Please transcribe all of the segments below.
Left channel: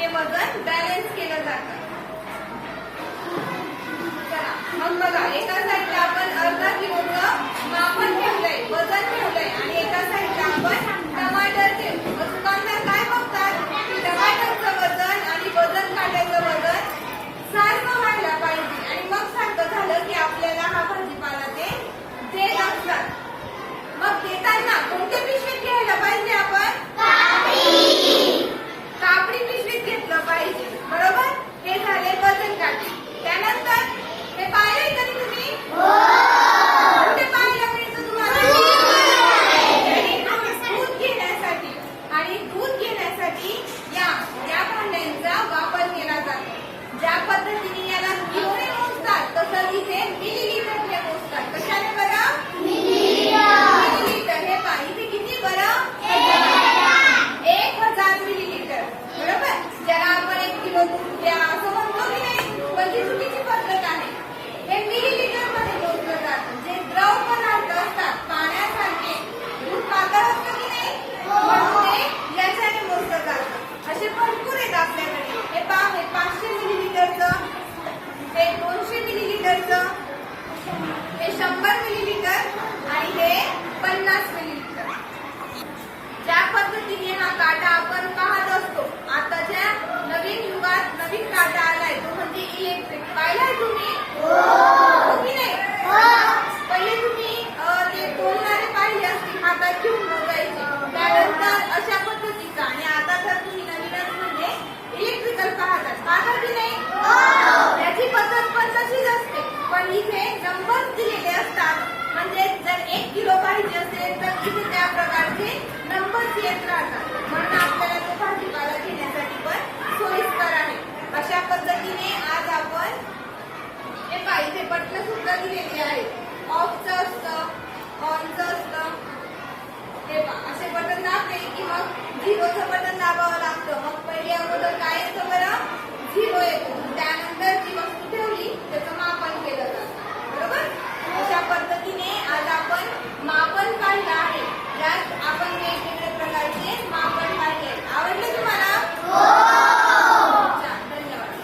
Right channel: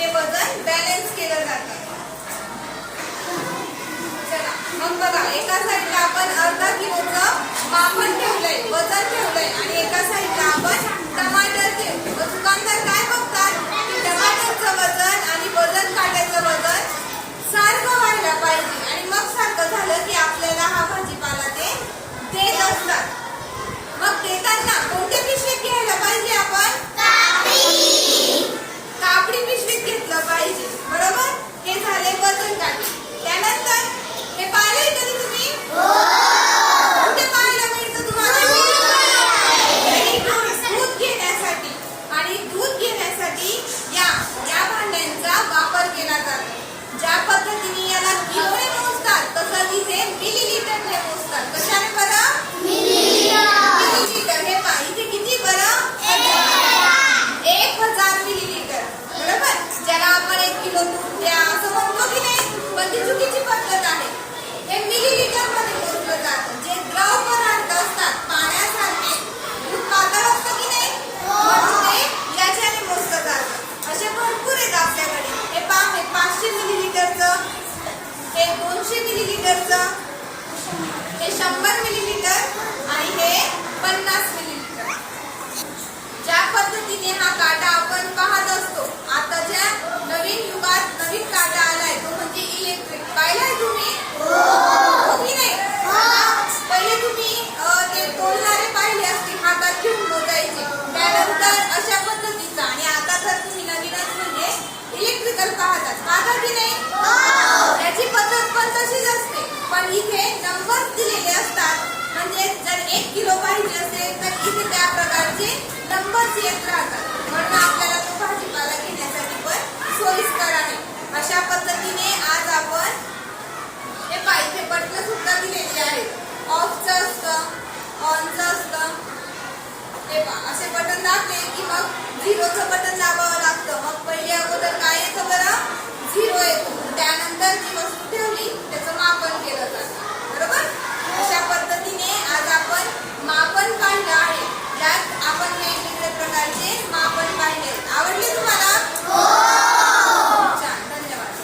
ते वजन बॅलन्स केलं जातं। चला मग बघा, एका साईडला आपण अर्धा किलोचं मापन ठेवलंय, वजन ठेवलंय आणि एका साईडला आपण टमाटर ठेवले। दुकानदार काय बघतात की टमाटरचं वजन आणि वजन काट्याचं वजन सारखं व्हायला पाहिजे आणि मग सारखं झालं की आपल्याला हा भाजीपाला ते देत असतात। मग देताना कोणत्या पिशवीत घ्यायला पाहिजे आपण? कापडी पिशवीत घेतलं पाहिजे, बरोबर? हे झाले वजन काटे। त्यानंतर हे पाहिलंय कधी तुम्ही? कुठे पाहायला मिळतं तुम्हाला? दूध घेण्यासाठी, आणि दूध घेण्यासाठी या भांड्यांचा वापर केला जातो। ज्या पद्धतीने याला किलोने मोजतात तसं इथे मिलीलीटरने मोजतात। कशाने बरं? मिलीलीटर। हे पहा इथे किती बरं? 1000 मिलीलीटर, बरोबर? ज्याला आपण 1 किलो दूध द्या असं म्हणतो की नाही, पण ती चुकीची पद्धत आहे। हे मिलीलीटर मध्ये मोजलं जातं। जे द्रव पदार्थ असतात पाण्यासारखे, दूध पातळ असतं की नाही, म्हणजे याच्याने मोजलं जातं। असे भरपूर आहेत आपल्याकडे। हे पहा, हे 500 मिलीलीटरचं, हे 200 मिलीलीटरचं, हे 100 मिलीलीटर आणि हे 50 मिलीलीटर। ज्या पद्धतीने हा काटा आपण पाहत असतो, आताच्या नवीन युगात नवीन काटा आलाय तो म्हणजे इलेक्ट्रिक। पाहिलाय तुम्ही? हो की नाही? पहिले तुम्ही ते तोलणारे पाहिले असतील, हातात घेऊन मोजायचे, त्यानंतर अशा पद्धतीचा, आणि आता तर तुम्ही नवीनच म्हणजे इलेक्ट्रिकल पाहता की नाही? त्याची पद्धत पण तशीच असते, पण इथे नंबर दिलेले असतात। म्हणजे जर 1 किलो पाहिजे असेल तर इथे त्या प्रकारचे नंबर्स येत राहतात, म्हणून आपल्याला तो भाजीपाला घेण्यासाठी पण सोयीस्कर आहे। अशा पद्धतीने आज आपण हे पाहिजे बटन सुद्धा दिलेले आहेत। ऑफचं असतं, ऑनचं असतं। हे पहा, असे बटन दाबले की मग 0चं बटन दाबावं लागतं। मग पहिले अगोदर काय येतं बरं? 0 येतो। त्यानंतर जी वस्तू ठेवली त्याचं मापन केलं जातं, बरोबर? अशा पद्धतीने आज आपण मापन पाहिलं आहे। त्यात आपण वेगवेगळ्या प्रकारचे मापन पाहिले। आवडले तुम्हाला? छान, धन्यवाद।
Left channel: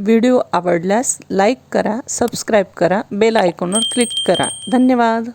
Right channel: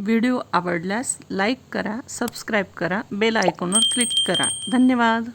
व्हिडिओ आवडल्यास लाईक करा, सबस्क्राईब करा, बेल आयकॉनवर क्लिक करा। धन्यवाद।